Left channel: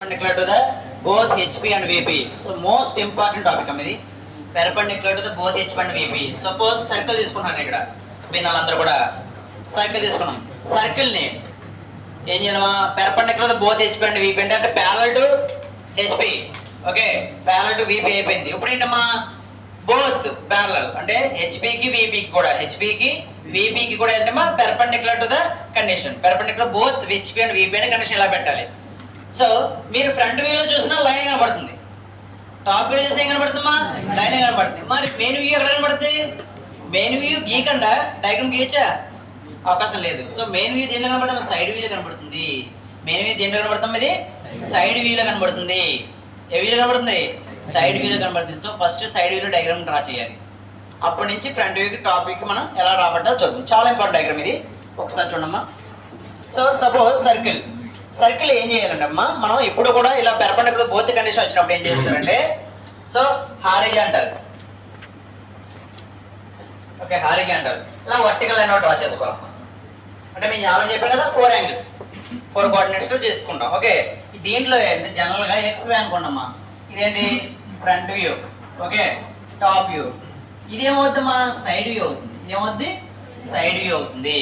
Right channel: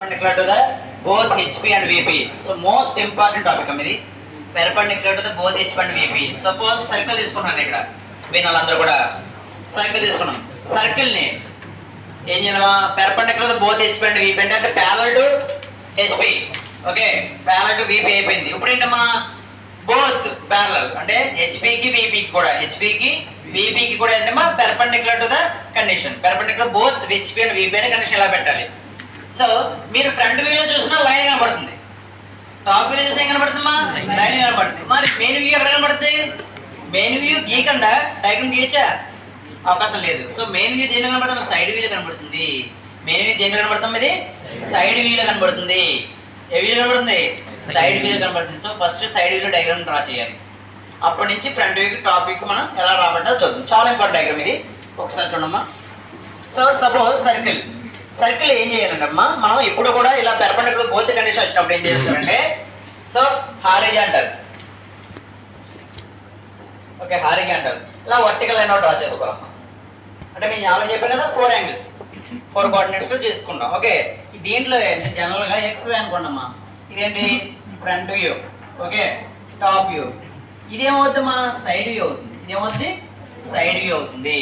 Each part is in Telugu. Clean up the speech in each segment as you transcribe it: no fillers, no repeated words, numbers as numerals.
perpendicular to the both HP and VP. So most important topic ఇది perpendicular to the both HP and VP. Suppose circle తీసుకున్నాను ఇక్కడ వీళ్ళందరూ కూడా సర్కిల్ తీసుకున్నాం. సర్కిల్ ని ఏం చేయమా perpendicular to both HP and VP అంటే parallel to HP. Okay parallel to VP అయిపోయింది. ఇప్పుడు ఏంటమ్మా both parallel అంటే HP కి VP కి కూడా ఏంటమ్మా perpendicular to the condition. Perpendicular both HP and VP అనే కండిషన్ ఇలా పెట్టాలి. సో మీరు ఫ్రంట్ వ్యూలో చూసినా లైన్ కనబడుతుంది, టాప్ వ్యూ చూసినా ఏం కనబడుతుందమ్మా లైన్ కనబడుతుంది. మరి మెయిన్ వ్యూ ఎక్కడ కనబడుతుంది? మెయిన్ వ్యూ గీయకుండా డయాగ్రామ్ గీయచ్చా? అవకాశం లేదు. సో మెయిన్ వ్యూ దేంట్లో కనబడుతుంది? సైడ్ వ్యూలో కనబడుతుంది. మెయిన్ వ్యూ దేంట్లో కనబడుతుంది? ఇది సైడ్ వ్యూలో కనబడుతుంది. ఏ వ్యూలో కనబడుతుంది? సైడ్ వ్యూలో కనబడుతుంది. సో ఫస్ట్ సైడ్ వ్యూలో డయాగ్రామ్ డ్రా చేయాలి. అప్పటి నుంచి ఫ్రంట్ వ్యూకి టాప్ వ్యూకి మనం ఎలా రాబట్టాలో చూద్దాం. చాలా ఇంపార్టెంట్ డయాగ్రామ్ ఇది, ఒకసారి చూడమ్మా. సో సపోజ్ సర్కిల్ ఏం చేయాలంటే అమ్మా మనం ఇప్పుడు కూడా ఇలా పెర్పెండిక్యులర్ బోత్ కండిషన్ వచ్చినప్పుడు ఏం చేస్తారంటే సో హారిజాంటల్ ఇలా వర్టికల్ లైన్ డ్రా చేసుకోవాలమ్మా. అంటే మేము ఆల్రెడీ చెప్పాను కదా 4 యాంగిల్స్ 4 కోఆర్డినేట్స్ లో చేసుకుంటాం. ఓకే దీంట్లో జనరల్ గా ఎక్స్ వై అనుకోండమ్మా. ఇదేంటి front view, okay top view. ఇదేమవుతుందమ్మా సైడ్ వ్యూ అవుతుంది. ఇదేమవుతుంది సైడ్ వ్యూ అవుతుంది.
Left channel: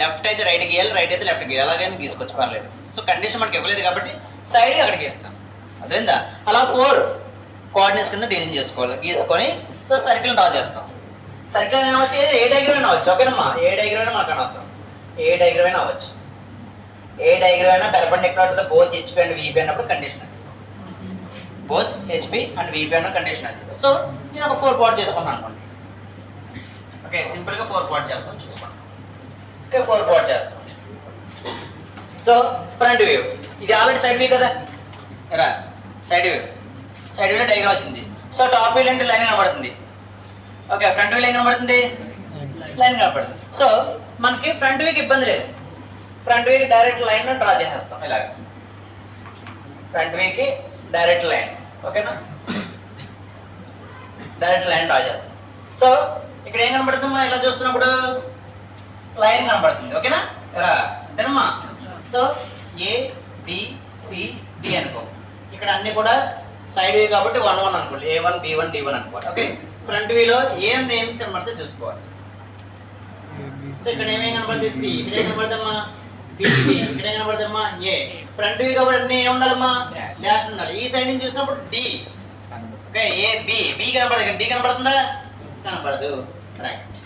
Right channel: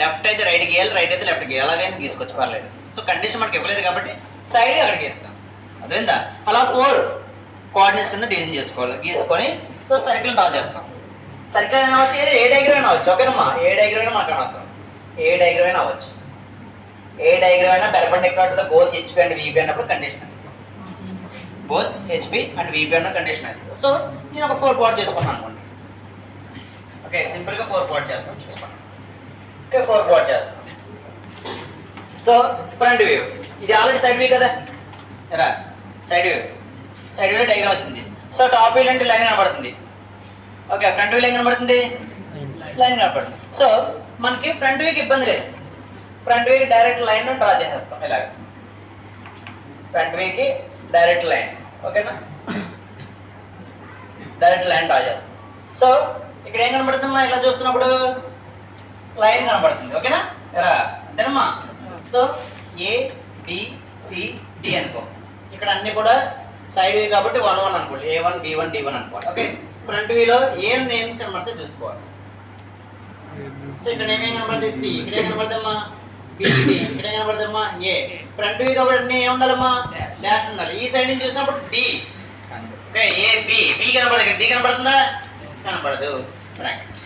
లెఫ్ట్ అయితే రైట్ గీయాలి, రైట్ అయితే లెఫ్ట్ గీయాలి, అలాగైనా గీసుకోవచ్చు పర్లేదు. సో కండిషన్ మనకి ఇవ్వలేదు కాబట్టి సైడ్ అక్కడికి గీస్తాం. అదేందా అలా 4 కోఆర్డినేట్స్ కింద డిజైన్ చేసుకోవాలి. గీసుకొని సో సర్కిల్ డ్రా చేస్తాం. సర్కిల్ అయినా వచ్చి ఏ డయాగ్రామ్ అయినా అవ్వచ్చు. ఓకేనమ్మా ఏ డయాగ్రామ్ అయినా మాకు అనవసరం, ఏ డయాగ్రామ్ అయినా అవ్వచ్చు. ఏ డయాగ్రామ్ అయినా perpendicular to the both HP and VP అన్నప్పుడు కండిషన్ అది. బోత్ హెచ్పి అండ్ విపి అన్న కండిషన్ అది. సో నేను ఒక 4 పార్ట్ చేసుకున్నాను అనుకోండి. ఓకే సింపుల్గా 4 పార్ట్ చేస్తాం చూసుకోండి. ఓకే 4 పార్ట్ చేస్తాం. సో ఫ్రంట్ వ్యూ ఇది ఆల్రెడీ సైడ్ వ్యూ కదా, రా సైడ్ వ్యూలో డయాగ్రామ్ వచ్చింది. సో టాప్ వ్యూ అంటే లైన్ కనబడుతుంది. ఓకే ఫ్రంట్ వ్యూ లైన్ కనబడుతుంది, లైన్ కనబడుతుంది. సో మనకి ఫ్రంట్ వ్యూకి ఇబ్బంది లేదు. ఫ్రంట్ వ్యూకి డైరెక్ట్ లైన్ డ్రా చేసేస్తాం. ఇలాగ ఫ్రంట్ వ్యూకి డైరెక్ట్ లైన్, ఓకేనా డైరెక్ట్ లైన్ డ్రా చేస్తాం. సో ఇక్కడ ఏం కనబడుతుందమ్మా ఇలా చూస్తున్నప్పుడు లైన్ కనబడుతుంది. ఓకేనా రా అంతేనమ్మా. So A B C D అనుకో. ఇక్కడ అన్ని కూడా సైడ్ వ్యూ కాబట్టి 1 1 అనుకోండి. A1 B1 D1 అనుకోవాలి. ఓకే ఫ్రంట్ వ్యూలో ఏం నేమ్స్ కనబడితే చూసుకోవాలి. సో ఇక్కడ ఏమేం కనబడుతుంది? సి. ఇక్కడ ఏం కనబడదమ్మా బి. ఇక్కడ ఏం కనబడదమ్మా ఏ. ఫ్రంట్ వ్యూ కాబట్టి అన్ని ఏం ఉండాలమ్మా డాష్ ఉండాలి. ఈ సైడ్ నుంచి చూసినప్పుడు D. Okay A B. B కనబడదు, డి కనబడుతుందా? కనబడదు. బ్రాకెట్.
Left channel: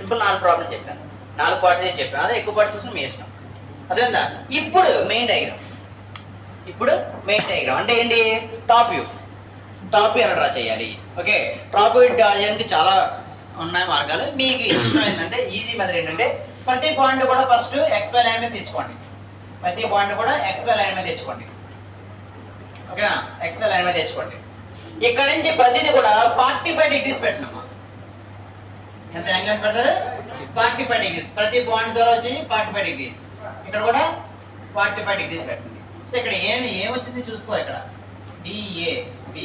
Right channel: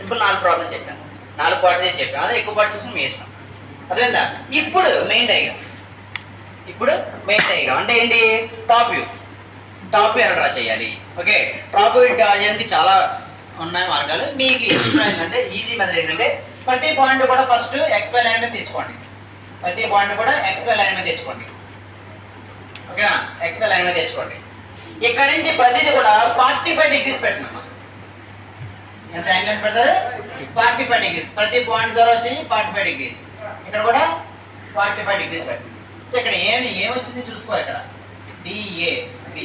సింపుల్ 4 ప్రాబ్లం చెప్పాను, 4 పార్ట్స్ చేసి చెప్పాను. అదే ఎక్కువ పార్ట్స్ మీ ఇష్టం. అదేందా ఇప్పుడు మెయిన్ డయాగ్రామ్ అంటే ఏంటి? టాప్ వ్యూ ఎలా డ్రా చేయాలి? ఓకే టాప్ వ్యూ డ్రా చేయడానికి చాలా ఉన్నాయి మార్గాలు. మీకు ఇష్టం ఏంటంటే ఈజీ మెథడ్ ఏంటంటే ప్రతి పాయింట్ కూడా ఫస్ట్ XY లైన్ మీద తెచ్చుకోండి. ఓకేనా XY లైన్ మీద తెచ్చుకోండి. ఇక్కడ నుంచి ప్రతిదీ కూడా 45 డిగ్రీస్ పెట్టినమ్మా. ఎంత యాంగిల్ పెడతారు? 45 డిగ్రీస్. ప్రతి పాయింట్ ద్వారా వచ్చి 45 డిగ్రీస్. ఇక్కడ కూడా 45 డిగ్రీస్ పెట్టండి. సో ఇక్కడ ఏమొచ్చింది చూసుకో. ఇక్కడ DAB.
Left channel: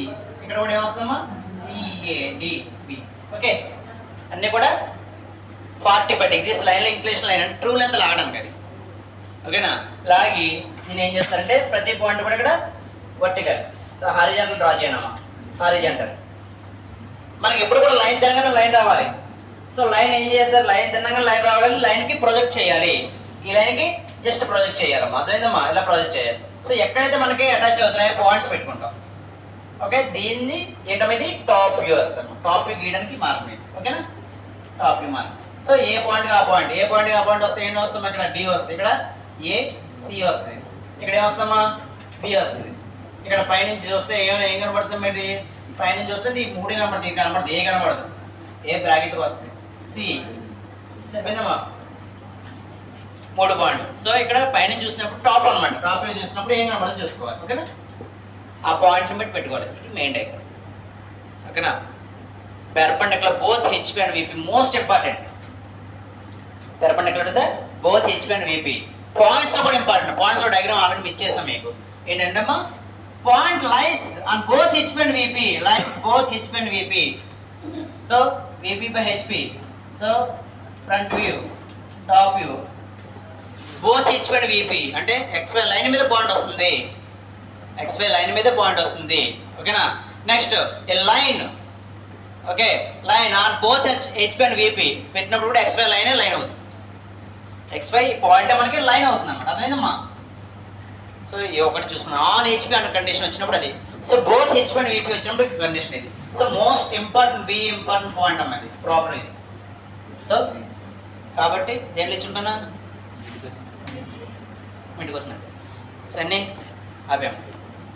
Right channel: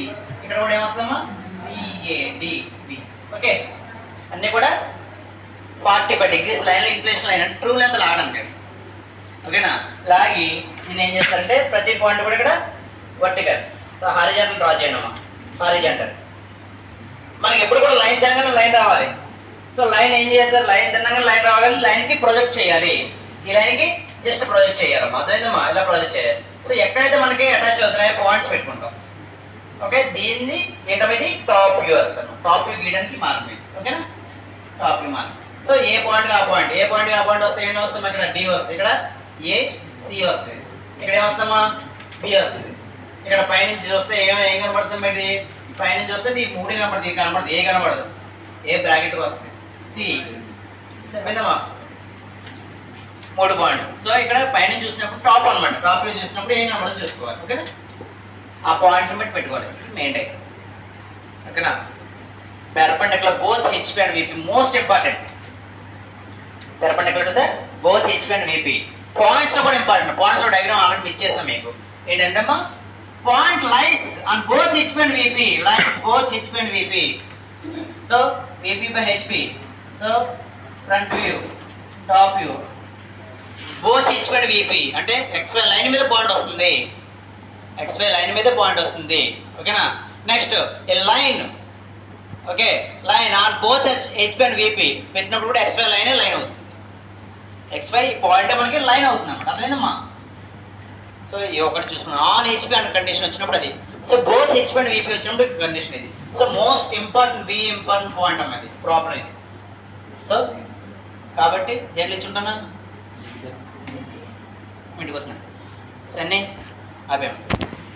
ఇక్కడ కూడా ఏమొస్తుందమ్మా CADB. ఓకే అన్నీ కూడా 45 డిగ్రీస్ లైన్లో ఇంక్లినేషన్ లైన్ అంటే ట్రూ లెంత్ లాగడానికి అది. ఓకేనా లాగి నేను ఏం చేస్తానంటే ప్రతి పాయింట్ కూడా ఇక్కడ వర్టికల్. సో హారిజాంటల్ డ్రా చేయనమ్మా. హారిజాంటల్ మనకి ఎప్పుడు కూడా లైన్ తినగానే లైన్ రావాలి. సో లైన్ ఏం చేస్తారు? లైన్ తినగానే లైన్ రావాలి. లైన్కి ప్రొజెక్ట్ చేయాలి. ఈ లైన్కి జస్ట్ ప్రొజెక్ట్ చేయాలమ్మా. అర్థమైందమ్మా ఇలా ప్రొజెక్ట్ చేయాలి. సో ఎక్కడైతే మనకి అటాచ్ అవుతున్నాయో పాయింట్స్ పెట్టుకుంటాం. ఓకే దీన్ని ఏంటనేది టాప్ వ్యూ వస్తాను. టాప్ వ్యూ గీయడానికి మార్గం ఇది. ఓకేనా టాప్ వ్యూ మార్గం. సో ఏ పాయింట్ ఆ పాయింట్ వస్తే ఏం వస్తాం? ఇక్కడ డి వస్తుంది, ఇక్కడ AC వస్తుంది, ఇక్కడ ఏమొస్తామా బి వస్తుంది. ఇక్కడ పైనుంచి చూస్తే ఏం కనబడుతుంది? ఇది పైనుంచి చూస్తే ఈ 3 కనబడుతుంది. కనబడుతుంది ఏ కనబడదు, ఏ బ్రాకెట్కి వస్తుంది సి. సరిపోయిందమ్మా 3 పాయింట్. సో ఇక్కడ పైన చూసినప్పుడు టాప్ అనమాట. టాప్ వ్యూ చూసినప్పుడు ఏం కనబడదు చూసుకోవాలి. ఓకేనా ఆ పాయింట్ బట్టి పెట్టుకోవాలి. Main diagram. ఓకేనా perpendicular both HP and VP most important. Perpendicular to the both HP and VP. Points కూడా important. Points diagram already miss చేస్తాం మీకు. ఏంటంటే point lies on both HP and VP. So VP by HP. So front view top view both HP and VP అంటే XY లైన్ మీద పాయింట్ వస్తుంది. XY లైన్ మీద పాయింట్ వస్తుంది. ఓకేనా? Next A line, okay, line on both HP and VP పెట్టినప్పుడు కూడా XY లైన్ అవుతుంది. XY పాయింట్ మనకి లైన్ అవుతుంది అనమాట. అర్థమైందమ్మా? సో ఈ ఒకటి చూసుకున్నాం. ఆన్ HP అనే కండిషన్ వచ్చినప్పుడు అది. So both HP and VP వచ్చినప్పుడు కండిషన్ ఇది. సో మోస్ట్ ఇంపార్టెంట్ పాయింట్ అమ్మా ఇది, ప్రాబ్లం ఇది. సో కాబట్టి దేంట్లో ఇచ్చుంటానా ఇంటికి వస్తున్నాయి. సో అన్నీ ఆపాము.